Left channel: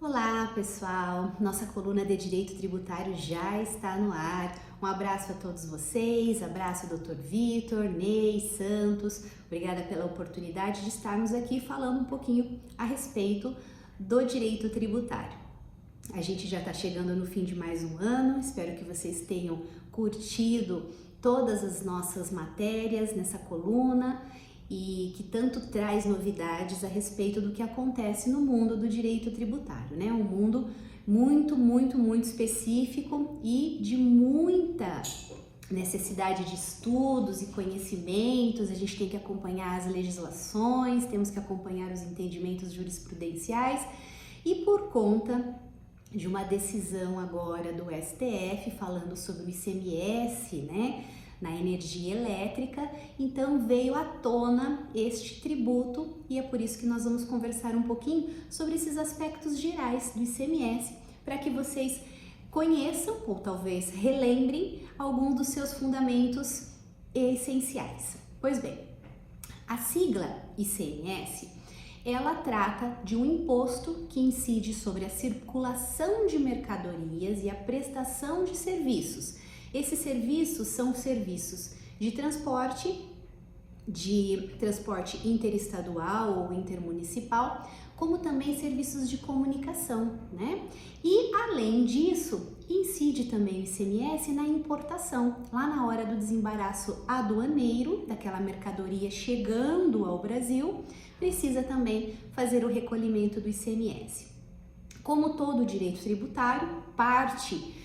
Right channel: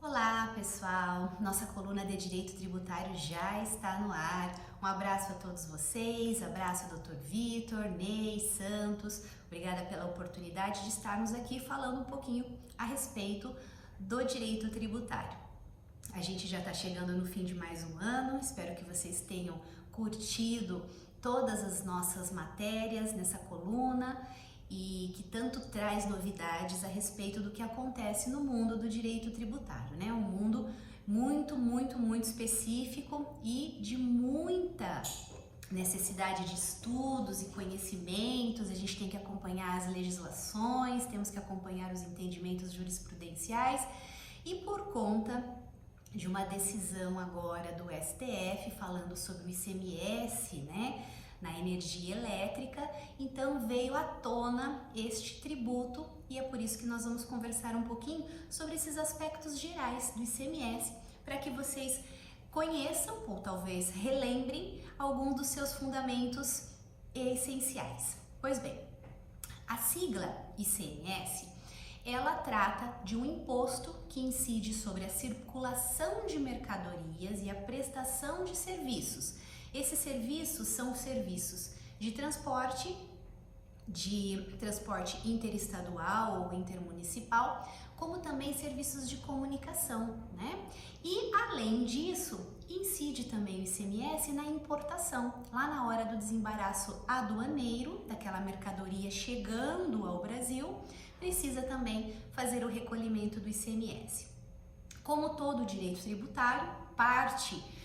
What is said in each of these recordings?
Olá, pessoal! Nossa coluna de Direito Tributário já está no ar. Um abraço a todos vocês, abraço Dr. Vitor, Ney, Santos. Obrigada pela oportunidade de estarmos aqui falando um pouquinho a respeito do direito tributário. A gente já está chegando no fim de mais um ano, espero que vocês tenham curtido todas as nossas matérias nessa coluna e que tanto traz novidades a respeito do que acontece no mundo do direito tributário, né? Um mundo muito específico e de muita necessidade de estudos e conhecimentos. A gente tem que acompanhar as legislações, temos que acompanhar os entendimentos jurisprudenciais e por conta de uma decisão agora do STF falando sobre o ICMS, né, na energia elétrica, então veio à tona este tributo e é por isso que nós vamos conversar um pouquinho sobre esses aspectos gerais do ICMS, para que vocês conheçam ou talvez relembrem alguns dos seus fundamentos essenciais. Pois bem, a sigla ICMS, ela trata de um imposto que incide sobre a circulação de mercadorias e a prestação de serviços. Esses serviços são serviços de transporte interestadual ou intermunicipal, como também serviços de comunicação, né? E além disso, incide também o ICMS na importação, lá na hora do desembaraço aduaneiro daquela mercadoria chegando ao Brasil, precisa também fazer o recolhimento do ICMS. Como todo direito tributário, parte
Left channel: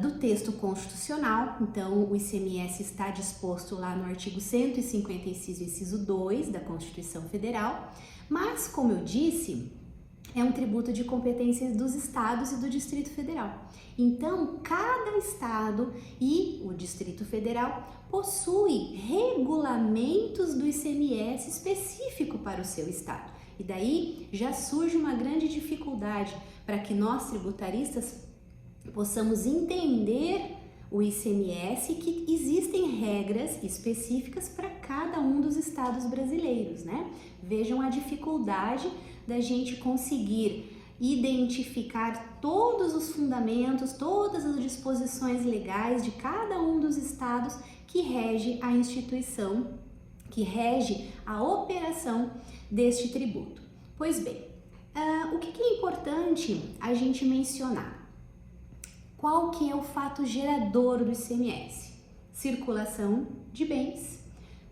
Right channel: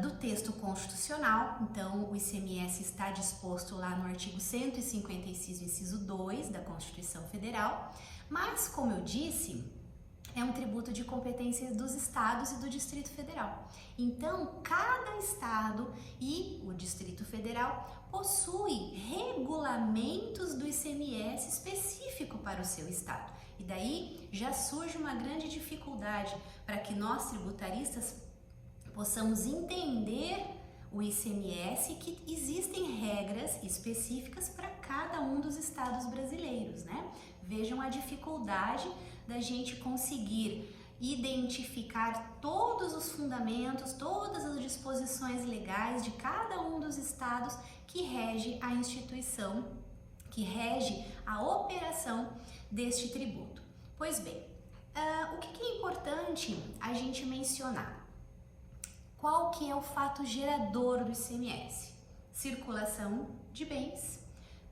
do texto constitucional, então o ICMS está disposto lá no artigo 156, inciso 2 da Constituição Federal, mas, como eu disse, é um tributo de competências dos estados e do Distrito Federal. Então, cada estado e o Distrito Federal possui regulamentos do ICMS específico para o seu estado. E daí já surge uma grande dificuldade para que nós tributaristas possamos entender o ICMS, que existem regras específicas para cada um dos estados brasileiros, né? Vejam a dificuldade da gente conseguir identificar todos os fundamentos, todas as disposições legais de cada um dos estados que rege a instituição, que rege a operação deste tributo. Pois bem, o que é importante a gente mencionar? Qual que é o fato gerador do ICMS? Circulação de bens,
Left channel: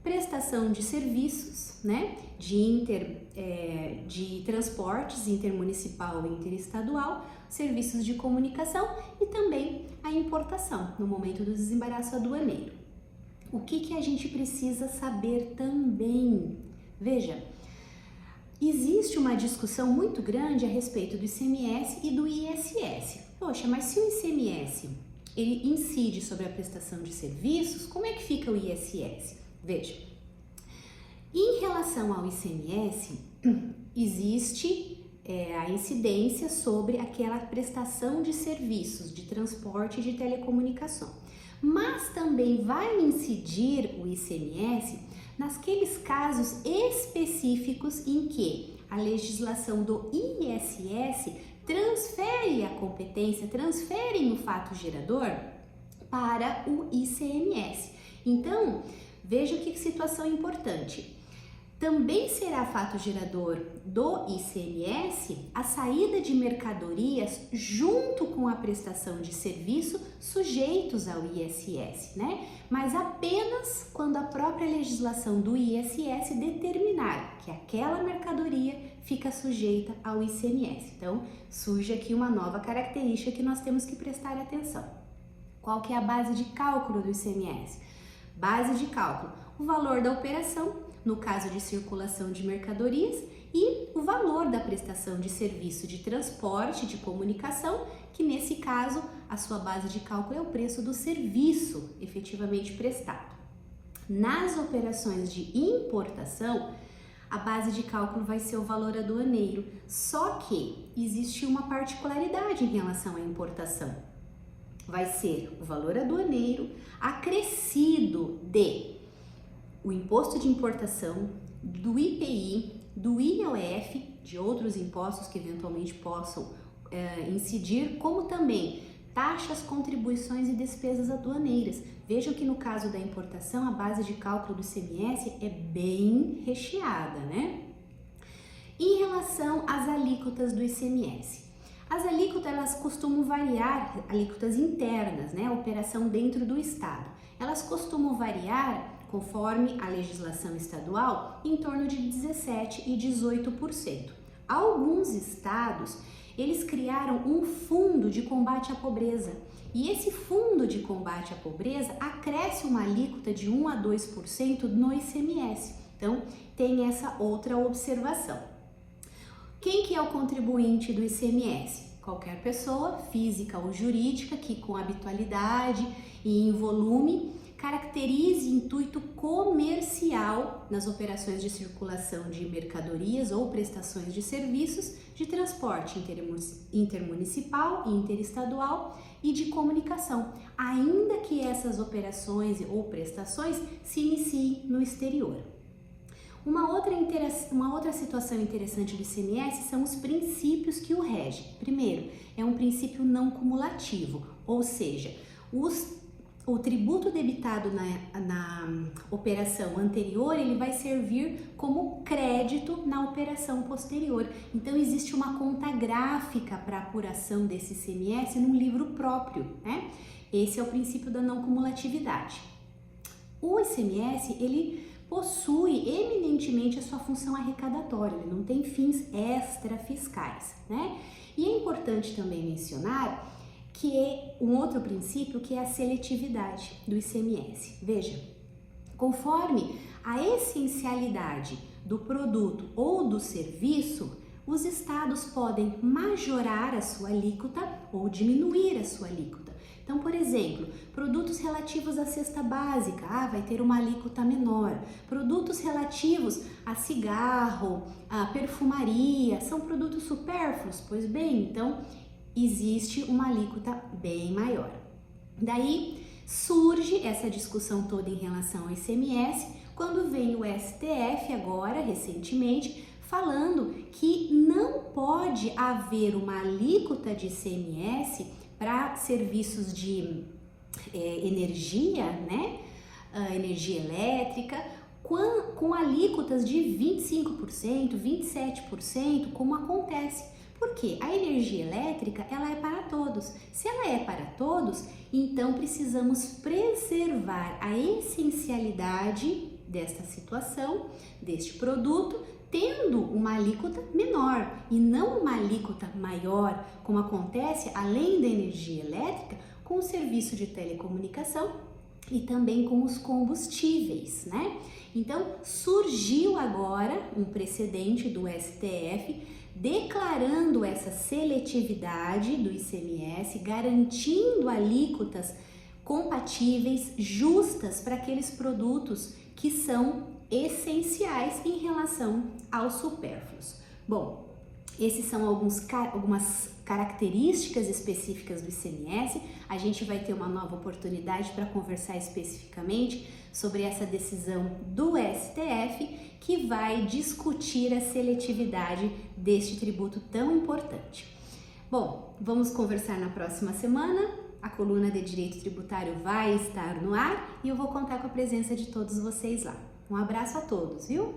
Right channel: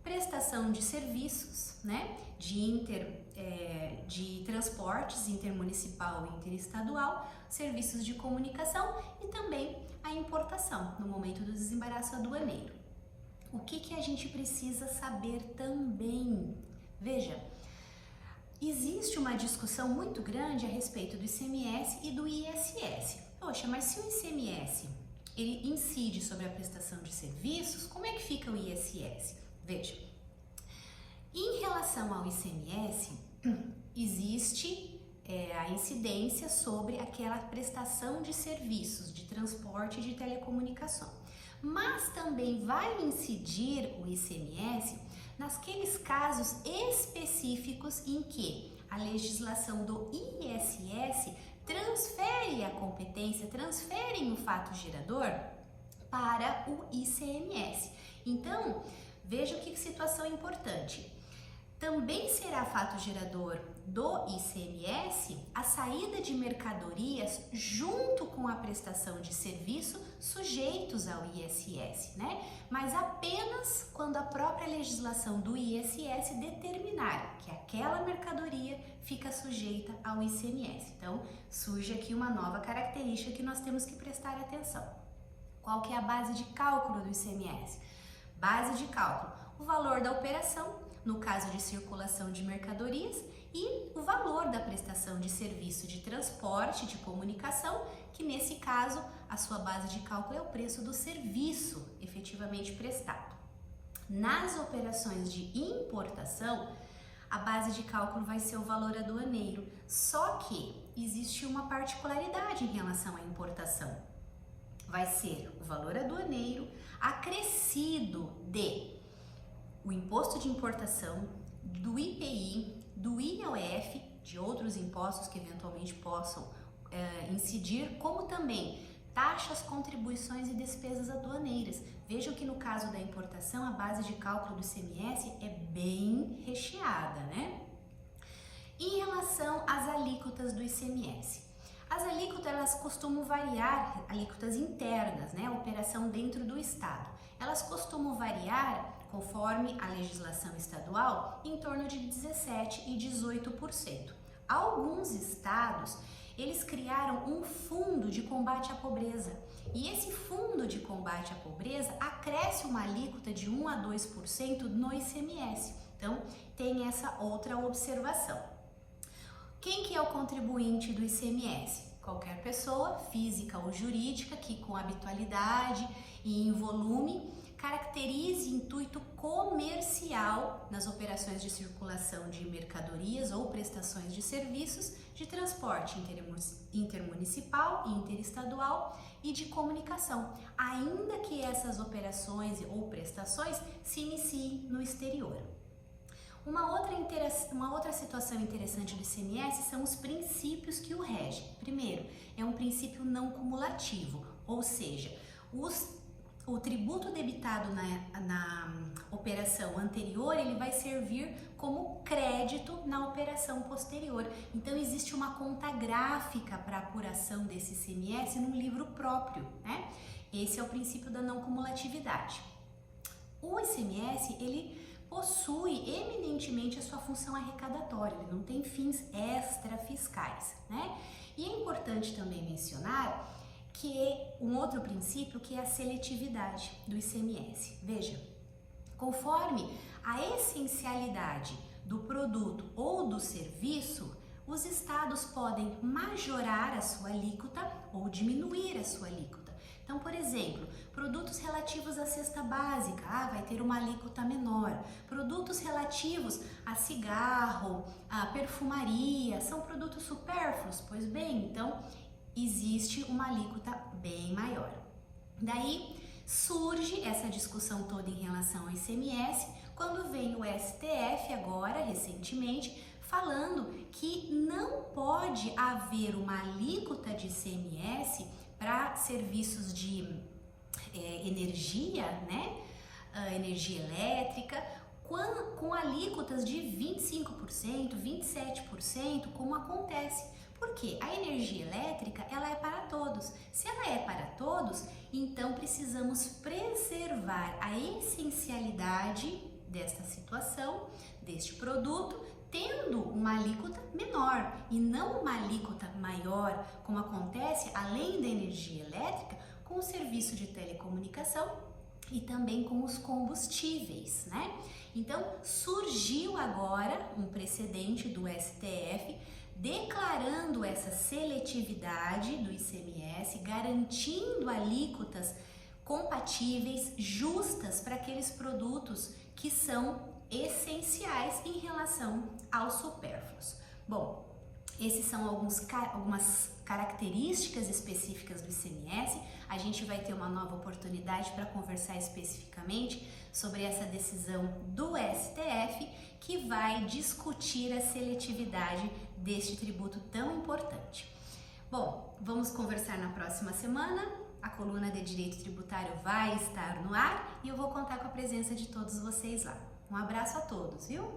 prestação de serviços, né, de transportes intermunicipal e interestadual, serviços de comunicação e também a importação no momento do desembaraço aduaneiro. O que a gente precisa saber também? Veja, existe uma discussão muito grande a respeito do ICMS e do ISS. Poxa, mas se o ICMS ele incide sobre a prestação de serviços, como é que fica o ISS? Veja, em relação ao ICMS, existe a incidência sobre aquela prestação de serviços de transporte e de telecomunicação, mas também vai incidir o ICMS naqueles casos específicos em que a legislação do ISS transfere a competência, transferem o fato gerador para o ICMS. Então, veja que situação importante. Também será fato gerador do ICMS a saída de mercadorias junto com a prestação de serviço sujeitos ao ISS, né? Mas apenas quando a própria legislação do ISS determinar que aquela mercadoria fica sujeita ao ICMS. Então, surge aqui uma nova característica que nós temos que prestar atenção. Qual que é a base de cálculo do ICMS? Base de cálculo, o valor da operação, no caso de circulação de mercadorias, e o valor da prestação de serviço de transporte, de comunicação, que nesse caso a sua base de cálculo é o preço do serviço efetivamente prestado. Nas operações de importação, a base de cálculo vai ser o valor aduaneiro, só que existe uma particularidade em relação à importação. Vai ser o valor aduaneiro acrescido de o imposto de importação, do IPI, do IOF, de outros impostos que eventualmente possam incidir, como também taxas, contribuições e despesas aduaneiras. Vejam que no caso da importação, a base de cálculo do ICMS é bem recheada, né? Em relação às alíquotas do ICMS, as alíquotas elas costumam variar, alíquotas internas, né? Operação dentro do estado. Elas costumam variar, conforme a legislação estadual, em torno de 17% e 18%. Alguns estados, eles criaram um fundo de combate à pobreza. E esse fundo de combate à pobreza acresce uma alíquota de 1 a 2% no ICMS. Então, tem essa outra observação. Quem que é o contribuinte do ICMS? Qualquer pessoa, física ou jurídica, que com habitualidade e em volume caracterize intuito comercial nas operações de circulação de mercadorias ou prestações de serviços de transporte intermunicipal e interestadual e de comunicação, ainda que essas operações ou prestações se iniciem no exterior. Uma outra situação interessante do ICMS são os princípios que o regem. Primeiro, é um princípio não cumulativo, ou seja, o tributo debitado na operação anterior, ele vai servir como crédito na operação posterior. Então, existe uma conta gráfica para apuração desse ICMS num livro próprio, né? Esse é o princípio da não cumulatividade. O ICMS, ele possui eminentemente a sua função arrecadatória, ele não tem fins extrafiscais, né? E é importante também mencionar que é um outro princípio que é a seletividade do ICMS. Veja, conforme a essencialidade do produto ou do serviço, os estados podem majorar a sua alíquota ou diminuir a sua alíquota. Então, por exemplo, produtos relativos à cesta básica, vai ter uma alíquota menor. Produtos relativos a cigarro, a perfumaria, são produtos supérfluos? Pois bem, então existe uma alíquota bem maior. Daí surge essa discussão toda em relação ao ICMS, quando vem o STF agora, recentemente, falando que não pode haver uma alíquota de ICMS para serviços de energia, né? Energia elétrica, com alíquotas de 25%, 27%, como acontece. Porque a energia elétrica, ela é para todos. Se ela é para todos, então precisamos preservar a essencialidade dessa situação, deste produto, tendo uma alíquota menor e não uma alíquota maior, como acontece além da energia elétrica, com o serviço de telecomunicação e também com os combustíveis, né? Então, surgiu agora um precedente do STF declarando essa seletividade do ICMS, garantindo alíquotas compatíveis, justas para aqueles produtos que são essenciais em relação aos supérfluos. Bom, esses são algumas características específicas do ICMS. A gente vai ter uma nova oportunidade para conversar especificamente sobre essa decisão do STF, que vai discutir a seletividade deste tributo tão importante. Bom, vamos conversar na próxima semana. A coluna de Direito Tributário vai estar no ar e eu vou contar com a presença de todos vocês lá. Um abraço a todos, viu?